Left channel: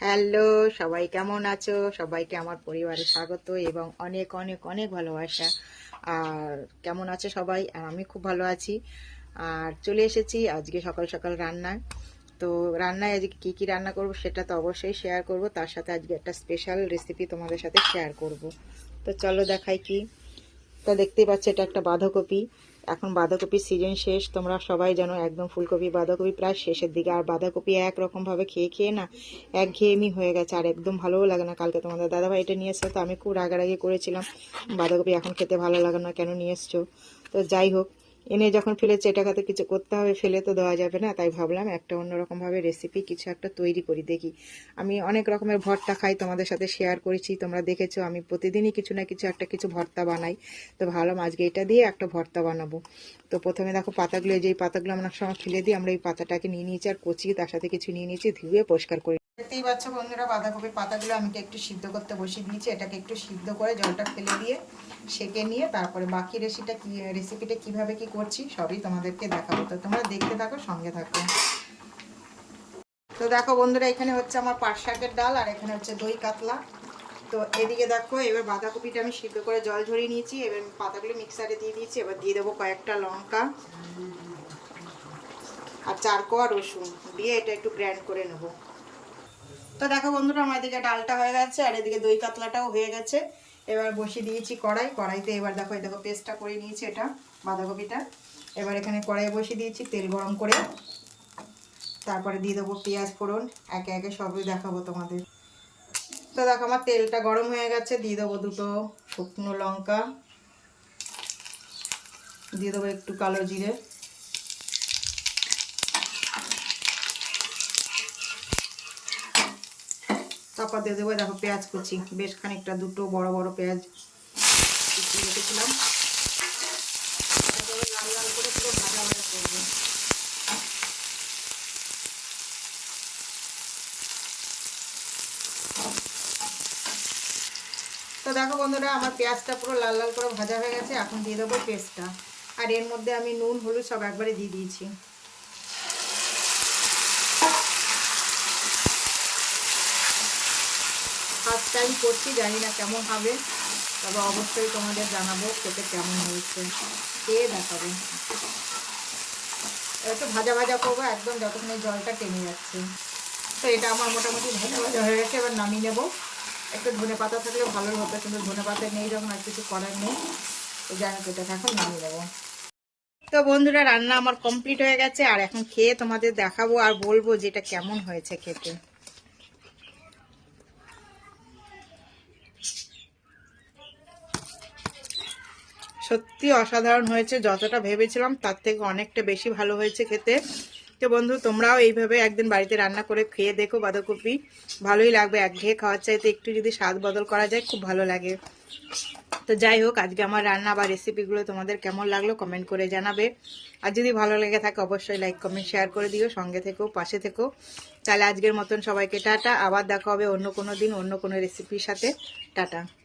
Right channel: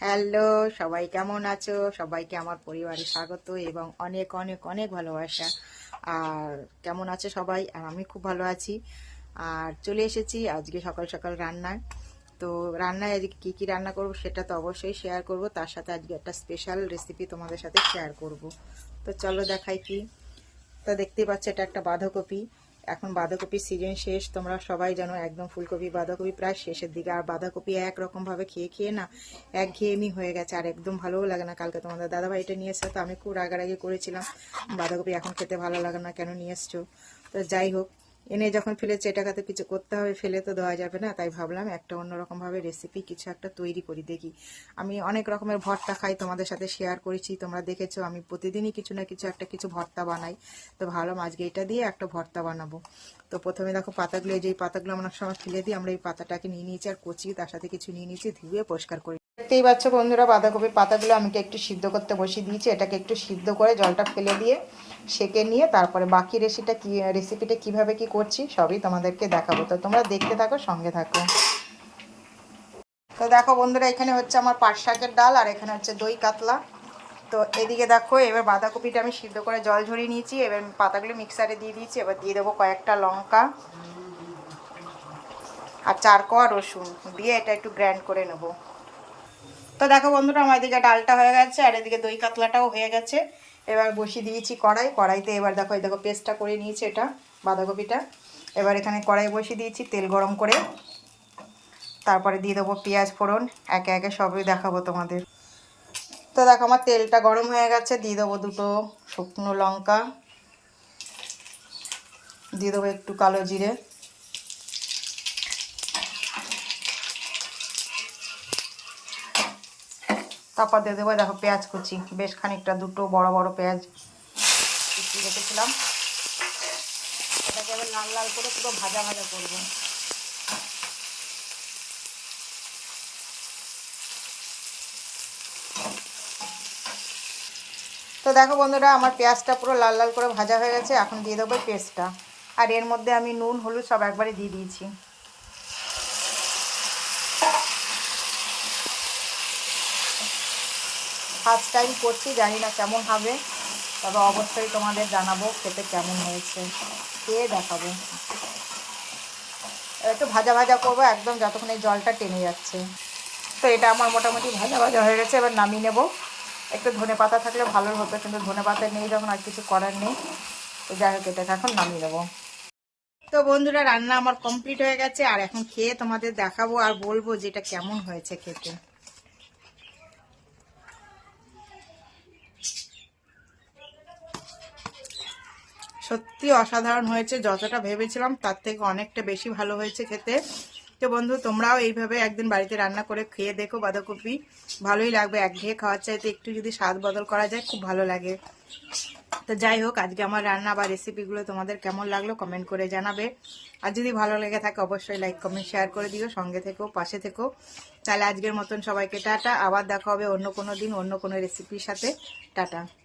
Hello, সবাই কেমন আছো? সবাইকে আমার পরিবারে স্বাগত এবং অনেক অনেক অনেক ভালোবাসা। আর কেমন আছো সবাই? আর আমি খুব ভালো আছি। আর চলে এসেছি আজকে সকাল সকাল রান্নায়। তো রান্নায় আজকে কী কী রান্না করব সেটা তো অবশ্যই শেয়ার করব। তার সাথে আজকে একটা স্পেশাল রেসিপি তোমাদের সাথে শেয়ার করব। তো চলো দেখাই কি। তো দেখতেই পাচ্ছ এটা একটা বাঁধাকপি। এখন বাঁধাকপির সিজন শেষ, তোমরা সবাই জানো একদম ফুলকপি, বাঁধাকপি প্রায় শেষের দিকে। আর বাঁধাকপি একরকমভাবে খেয়ে খেয়ে না এক ঘেয়েমি হয়ে গেছে, আর একদম ভালোও লাগে না কালকে। তোমাদের দাদাভাই এটা নিয়ে তো আমি খুব রাগারাগি করেছিলাম। বাঁধাকপি এখন খেতে ভালো লাগে না, কেন নিয়ে এসছো? তো যাই হোক এনে যখন ফেলেছে, এটাকে তো কিছু করতে হবে, ফেলে তো দেওয়া যাবে না। তাই ভাবলাম একটা অন্যরকমভাবে রেসিপি কিছু একটা তৈরি করি, দেখি। আমি অনেক রকমের ভর্তা খাই, তোমাদের সাথে শেয়ার করেছি, তোমরা দেখেছ, আমি প্রতিদিনই কিছু না কিছু একটা কিছু ভর্তা বানাই। তো ভাবলাম আজকে এটা দিয়ে একটা ভর্তা বানাবো। তো প্রথমে দেখো পাতাগুলো যেই পাতাগুলো আমরা সময় ফেলে দিই আমরা এই পাতাটাকে নিয়ে নিয়েছি আর কচি, তার সাথে কিছু নিয়ে নিয়েছি, ধুয়ে পরিষ্কার করি দেখতেই পাচ্ছ বন্ধুরা বাঁধাকপির পাতাগুলো আমাকে একটু সিদ্ধ করতে বসিয়ে দিয়েছি, এটাকে একটু সিদ্ধ করে জলটা ফেলে দিয়ে সেকে নিয়ে তারপরে বাকি রেসিপিটা কি রেসিপিটা কীভাবে কি করছি, সবই তোমাদেরকে দেখাবো। তো তোমরা দেখতে থাকো, সঙ্গে থাকো। তো দেখো বন্ধুরা, এখানে হচ্ছে আমার পাট শাকের ডাল আর এখানে হচ্ছে দই কাতলা। তো এদিকে দেখো, এবার বাঁধাকপিটা আমি সিদ্ধ করে জল ঝরিয়ে নিয়েছি, এবার পাতাগুলো মিক্সারে দিয়ে দিয়েছি, এবার দিয়ে দেবো কয়েকটা লঙ্কা আর চার কোয়া রসুন, দিয়ে এটা একটু গ্র্যান্ড করে নেব। তো দেখো বন্ধুরা, আমার এদিকে ডালটা হয়ে গেছে, আর এদিকে দই কাতলাটাও হয়ে গেছে। এবার বসিয়ে দিয়েছি কড়াই। কড়াইতে এবার দেখো, এই দেখো পেস্টটা করে নিয়েছি এটা, বাঁধাকপিটা। এবার এখানে কড়াই বসিয়ে দিয়েছি, তেল গরম করে। তারপরে দিয়ে দেবো পেঁয়াজ ফোড়ন, একে একে সবই দেখাবো তোমাদের। তো দেখো, আমার তেলটা গরম হয়ে গেছে, দিয়ে দেবো দুটো শুকনো লঙ্কা। দিয়ে দেবো একটু কালো জিরে। তারপর দিয়ে দেবো, দেখো পেঁয়াজ কুচি। বেশ খানিকটা, দুটো বড় বড় পেঁয়াজ কুচি রেখেছিলাম। এটাকে এবার লাল লাল করে পুরো ভাজা ভাজা করব। তো দেখো বন্ধুরা, আমার পেঁয়াজটা পুরো লাল লাল করে ভাজা হয়ে গেছে। এখন দিয়ে দেবো পেস্টটা। আর এর মধ্যে আমি নুন, হলুদ সব একবারে দিয়ে দিয়েছি। ফার্স্ট টাইম করছি, জানি না কেমন হবে, তবে অবশ্যই তোমাদের জানাব খেতে কেমন হয়েছে খেয়ে দেখাবো। একটু ভাজা ভাজা করব, একদম যতক্ষণ এই জলটা টেনে যাচ্ছে। তো এটা আমার মোটামুটি ভাজা ভাজা হয়ে গেছে, এবার নামিয়ে নেব। একটু ধনে পাতা থাকলে ভালো হতো কিন্তু ধনে পাতা নেই যখন, আর কিছু করার নেই। তো যাই হোক, এটাকে এখন নামিয়ে নেব। তো বন্ধুরা, রান্না আমার কমপ্লিট হয়ে গেছে, আর এখন খেয়ে তোমাদের দেখাবো আর বলব যে এটা কেমন হয়েছে খেতে। সত্যি অসাধারণ হয়েছে, যতটা ভেবেছিলাম তার থেকে অনেকটা বেশি ভালো হয়েছে খেতে। তো বন্ধু, তোমরাও এইভাবে একদিন বাড়িতে রান্না করে খেয়ে দেখো বাঁধাকপি। ভালোই লাগবে, একঘেয়ে খাওয়ার চাইতে একটু যদি স্বাদ বদল করা যায়, খুব ভালো লাগে। তো যাই হোক, আজকে আমার রান্না বা রেসিপিগুলো তোমাদের কেমন লাগল কমেন্ট করে জানাবে। আর যদি ভালো লেগে থাকে, অবশ্যই লাইক কমেন্ট শেয়ার করে দিও, সঙ্গে থেকো, পাশে থেকো। তাহলে আজকের মতন সবাইকে টাটা, আবার দেখা হবে অন্য কোনো দিন, অন্য কোনো রেসিপির সাথে। টাটা।